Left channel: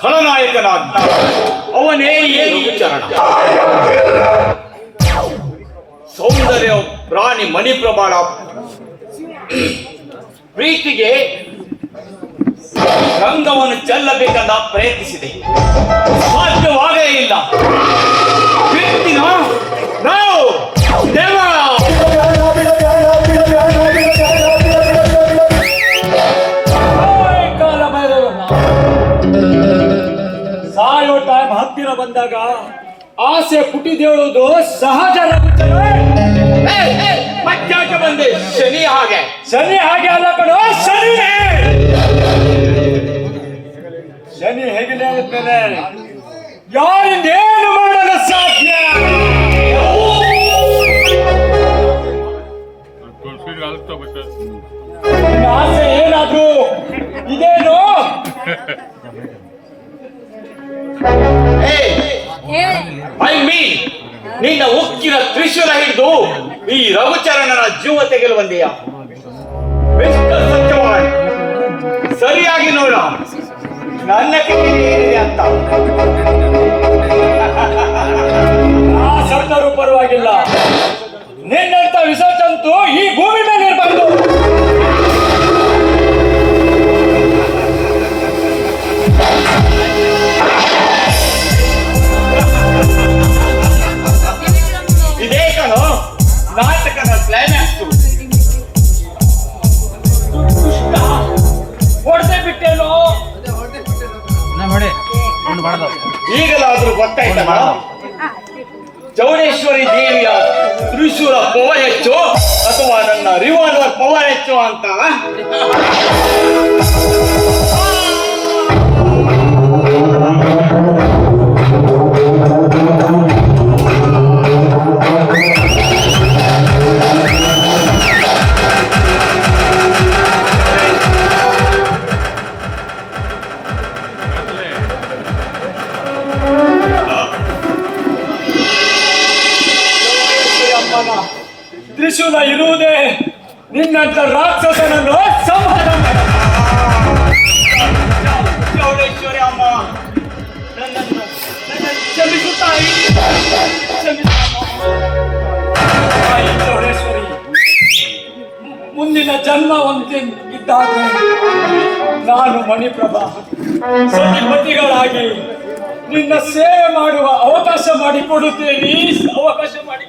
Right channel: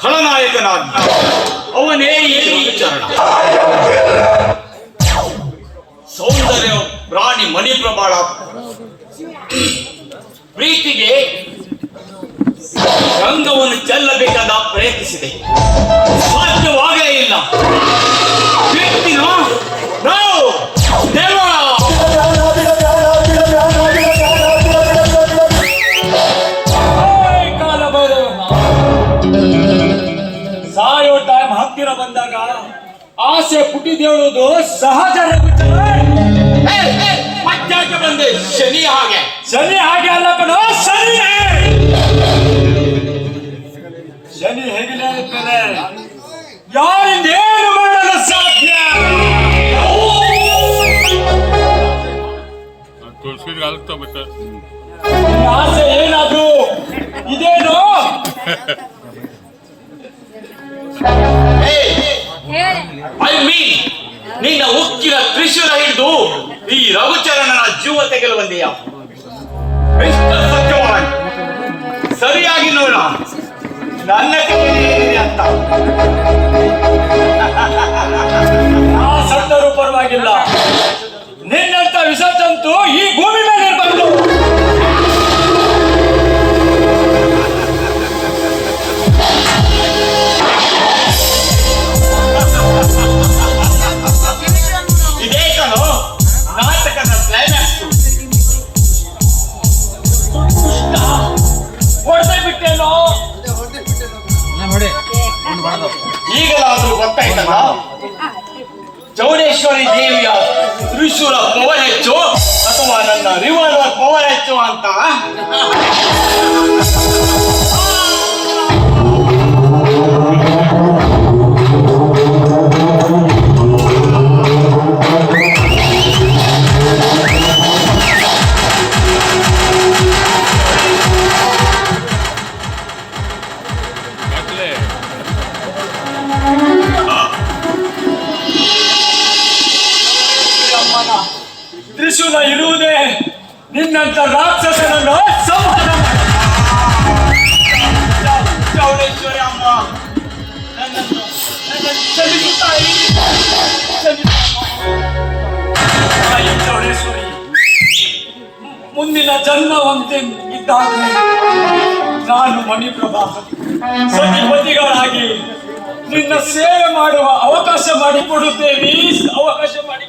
ಖಳನಾಯಕನಾದ ಅವನೇ ಏನು ವಿಚಾರ ಸೌಂದರ್ಯ ಪ್ರಾಣಿ ಮಣಿಪ್ರಭಾಳ ಪ್ರೀತಿಗೆ ರಂಗವನ್ನು ಚೆಲ್ಲಬೇಕೆಂದ ಪ್ರಯತ್ನಿಸಿದೆ, ಸಾಧ್ಯವಾಗಲೇ ಇಲ್ಲ. ವ್ಯಕ್ತಿನ ನಾವು ದೇವ ಸಾಯೋ ಟೈಮ್ ಹತ್ತಿರ ಬಂದಾಗ ಆಸೆ ಪುಟಿದೇಳುವುದು ಸಹಜ. ಮಧ್ಯಾಹ್ನ ಬಂದೆ ಶನಿ ಹಾಗೆ ಅಲ್ಲ ಕಣೋ, ಶನಿ ಹೇಗಿಲ್ಲ ಇರ್ತದೆ, ಯಾರಿಂದೇನು ಮಾಡಲು ಸಾಧ್ಯ? ಆಸೆ ಏನಾದ್ರು ಇದೇನು? ನಿನ್ನ ಉಕ್ಕಿನ ತ್ರಿಶೂಲ ಹಿಡಿದು ಈ ರಘುಚರಣನ ಜೀವ ತೆಗೆಲು ಬಂದೆಯ. ಸತ್ಯವಾನ್ ಸರಿಯಾಗಿ ನೋಡ ನನ್ನ ಏನಿದೆ ಅಂತ. ಸತ್ತರೂ ಪರವಾಗಿಲ್ಲ, ನಿನ್ನಂತ ವಿಸರ್ಜಂತು ಈ ಭೂಮಿ ಮೇಲೆ ಇರಬಾರ್ದು. ಇದೇ ಕಣೋ ನಾಟಕದ ಕ್ಲೈಮ್ಯಾಕ್ಸ್. ಹೊಡೆದೇ ಬಿಟ್ಟೇನೋ, ಈಗಲಾದ್ರೂ ಗೊತ್ತಾಯ್ತಲ್ಲ ಚೌಡೇಶ್ವರಿ ದೇವಿಯ ತ್ರಿಶೂಲ ಪವರ್ ಹೆಚ್ಚು ಅಥವಾ ನನ್ನ ರಿವಾಲ್ವರ್ ಪವರ್ ಹೆಚ್ಚು ಅಂತ. ತ್ರಿಶೂಲ ಇರುವುದೇ ನಿನ್ನಂತ ರಾಕ್ಷಸನನ್ನು ಸಂಹಾರ. ಚೌಡೇಶ್ವರಿ ಅಮ್ಮ ಕ್ಷಮಿಸುತ್ತಾಯಿ. ಚೌಡೇಶ್ವರಿ, ಮುಂದಿನ ಜನ್ಮ ಒಂದೇ ಇದ್ದಾದ್ರೆ ನಾನು ಮಣಿಪ್ರಭಾ ಸತಿಪತಿಗಳಾಗಿ ನಿನ್ನ ಸೇವೆ ಮಾಡುವ ಅವಕಾಶ ಮಾಡಿಕೊಡುತ್ತೇನೆ. ಅವಕಾಶ ಮಾಡಿ